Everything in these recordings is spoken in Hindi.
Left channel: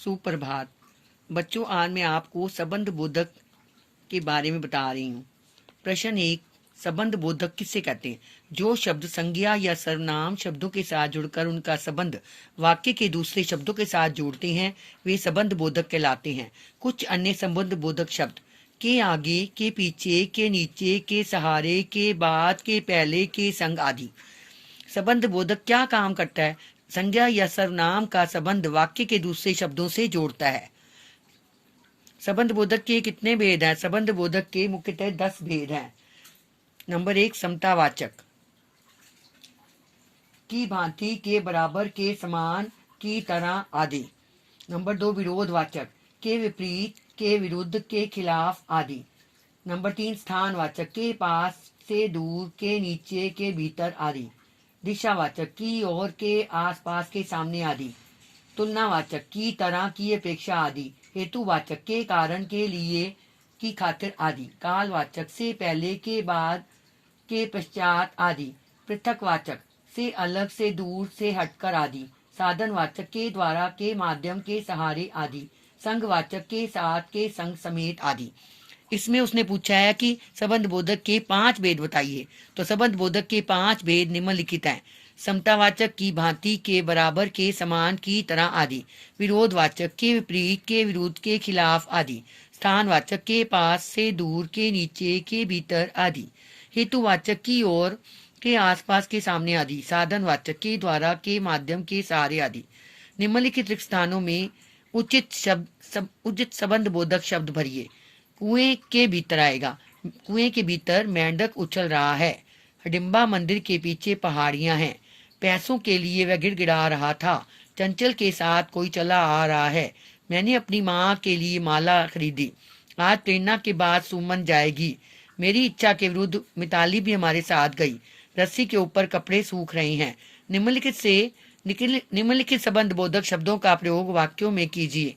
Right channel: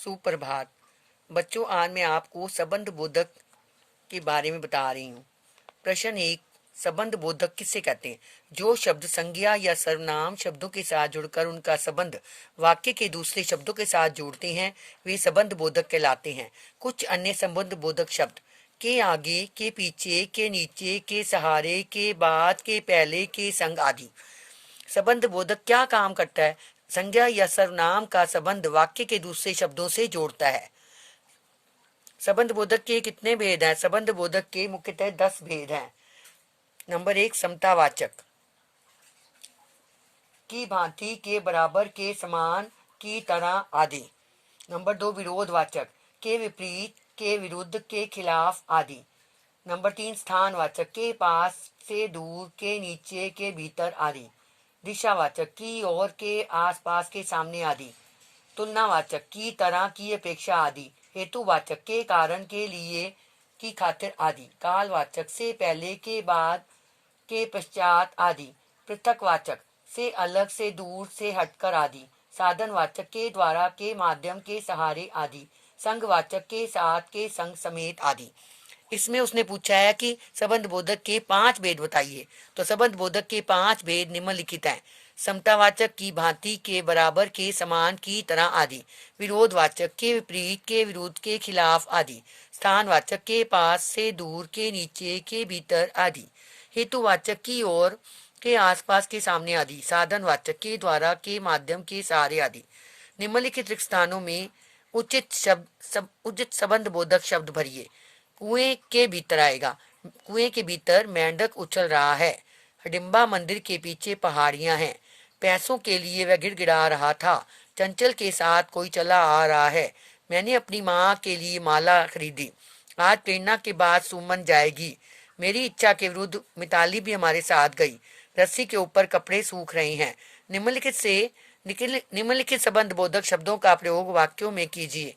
सुप्रभात बच्चों, आज मैं आपको संबंध बोधक के बारे में बता रही हूँ। प्रश्न 1, संबंध बोधक किससे कहते हैं? जो शब्द संज्ञा या सर्वनाम शब्दों के साथ जुड़कर उनका संबंध वाक्य के दूसरे शब्दों के साथ जोड़ते हैं, वे संबंध बोधक कहलाते हैं। कुछ अन्य संबंध बोधक शब्द के आगे, के पीछे, के नीचे, के सहारे, के बाद, के पहले, के संग आदि। संबंध बोधक क्या काम करता है? संज्ञा या सर्वनाम का संबंध वाक्य के दूसरे शब्दों से जोड़ता है। संबंध बोधक के कितने भेद हैं? संबंध बोधक के मुख्यतः 10 भेद हैं। नंबर 1, समतावाचक, की भांति, के बराबर, के समान, की तरह आदि। नंबर 2, विरोधवाचक, के विपरीत, के विरुद्ध, के खिलाफ आदि। नंबर 3, स्थानवाचक, के पास, से दूर, के नीचे, के भीतर आदि। दिशावाचक, की ओर, के आसपास, के सामने आदि। तुलनावाचक, की तरह, की अपेक्षा आदि। हेतुवाचक, के कारण, के लिए, की खातिर आदि। कालवाचक, से पहले, के बाद, के पश्चात आदि। पृथकवाचक, से अलग, से दूर, से हटकर आदि। साधनवाचक, के द्वारा, के माध्यम, के सहारे आदि। संघवाचक, के साथ, के संग समेत आदि। इसमें उसने पूछा है कि संबंध बोधक के 5 भेद बताइए। तो संबंध बोधक के 5 भेद निम्नलिखित हैं। समतावाचक, की भांति, के बराबर, के समान, की तरह आदि। विरोधवाचक, के विपरीत, के विरुद्ध, के खिलाफ आदि। स्थानवाचक, के पास, से दूर, के नीचे, के भीतर आदि। हेतुवाचक, की ओर, के आसपास, के सामने आदि। साधनवाचक, के द्वारा, के माध्यम, के सहारे आदि। निम्नलिखित रिक्त स्थानों में उचित संबंध बोधक शब्द भरिए। कुएं के भीतर आएगा। कुएं के भीतर मेंढक उछल रहा है। हडिम्बा मंदिर के पीछे पहाड़ियां हैं। पैसों के लिए वह गिड़गिड़ा रहा था। चंचल के साथ कोई चला आ रहा है। मैंने अपनी माँ के लिए माला खरीदी। आज प्रेरणा के बाद सुमन जाएगी। मेरी इच्छा के विरुद्ध मिताली भी हमारे साथ गई। रस्सी के ऊपर कपड़े सूख रहे हैं। निम्नलिखित संबंध बोधक शब्दों का प्रयोग वाक्यों में कीजिए।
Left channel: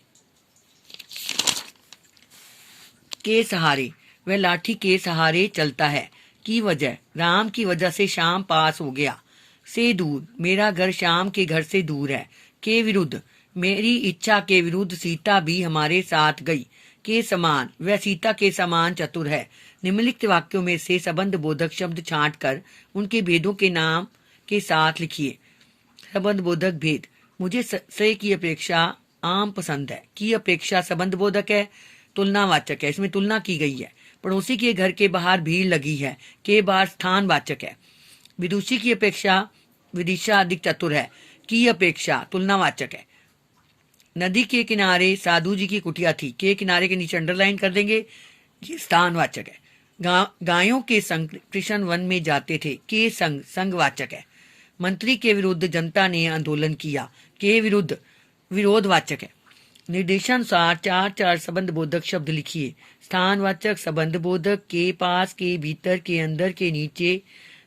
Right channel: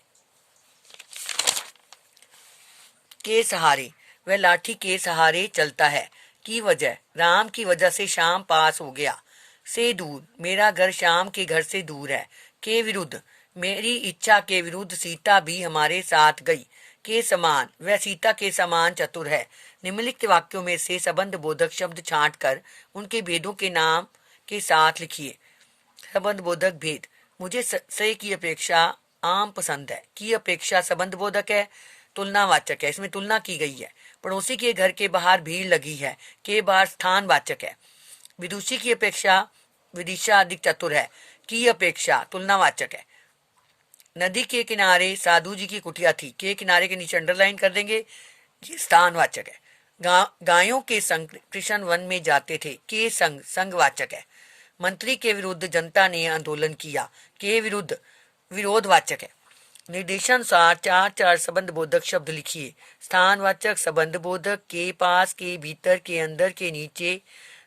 के सहारे, वह लाठी के सहारे चलता है। की वजह, राम की वजह से शाम पास हो गया। से दूर, मेरा घर श्याम के घर से दूर है। के विरुद्ध, मेरी इच्छा के विरुद्ध सीता भी हमारे साथ गई। के समान, वह सीता के समान चतुर है। निम्नलिखित वाक्यों में से संबंध बोधक शब्द छांटकर उनके भेदों के नाम के साथ लिखिए। संबंध बोधक भेद। मुझे से की अपेक्षा आम पसंद है। की अपेक्षा संबंध बोधक है। तुलनावाचक है, इसमें तुलना की गई है। पड़ोसी के घर के बाहर भीड़ लगी है। के बाहर स्थानवाचक है। विदुषी की अपेक्षा विदिशा अधिक चतुर है। की अपेक्षा तुलनावाचक है। नदी के किनारे साधु जी की कुटिया थी। के किनारे के नीचे अंडरलाइन कर देंगे, ये स्थानवाचक है। गायों के संग कृष्ण वन में जाते थे। के संग संघवाचक है। मंत्री के विरुद्ध जनता ने आंदोलन किया। के विरुद्ध विरोधवाचक है। निर्देशानुसार 4 संबंध बोधक शब्द लिखिए। स्थानवाचक संबंध बोधक, के पास, के भीतर, के अंदर, के नीचे।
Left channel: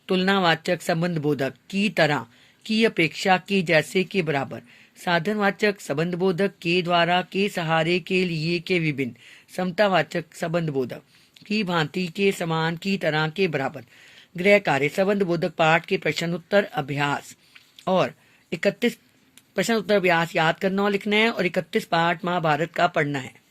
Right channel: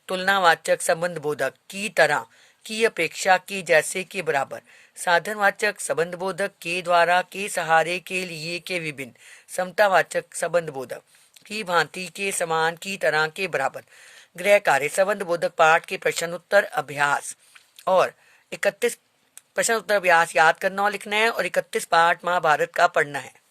तुलनावाचक संबंध बोधक, की तरह, की अपेक्षा, के जैसे, के बराबर। साधनवाचक संबंध बोधक, के द्वारा, के सहारे, के लिए, के विभिन्न। समतावाचक संबंध बोधक, की भांति, के समान, की तरह, के बराबर। गृह कार्य संबंध बोधक पाठ के प्रश्न उत्तर अभ्यास और 31 प्रश्न उत्तर अभ्यास याद करना और लिखना है और 31 पाठ महाभारत का पढ़ना है।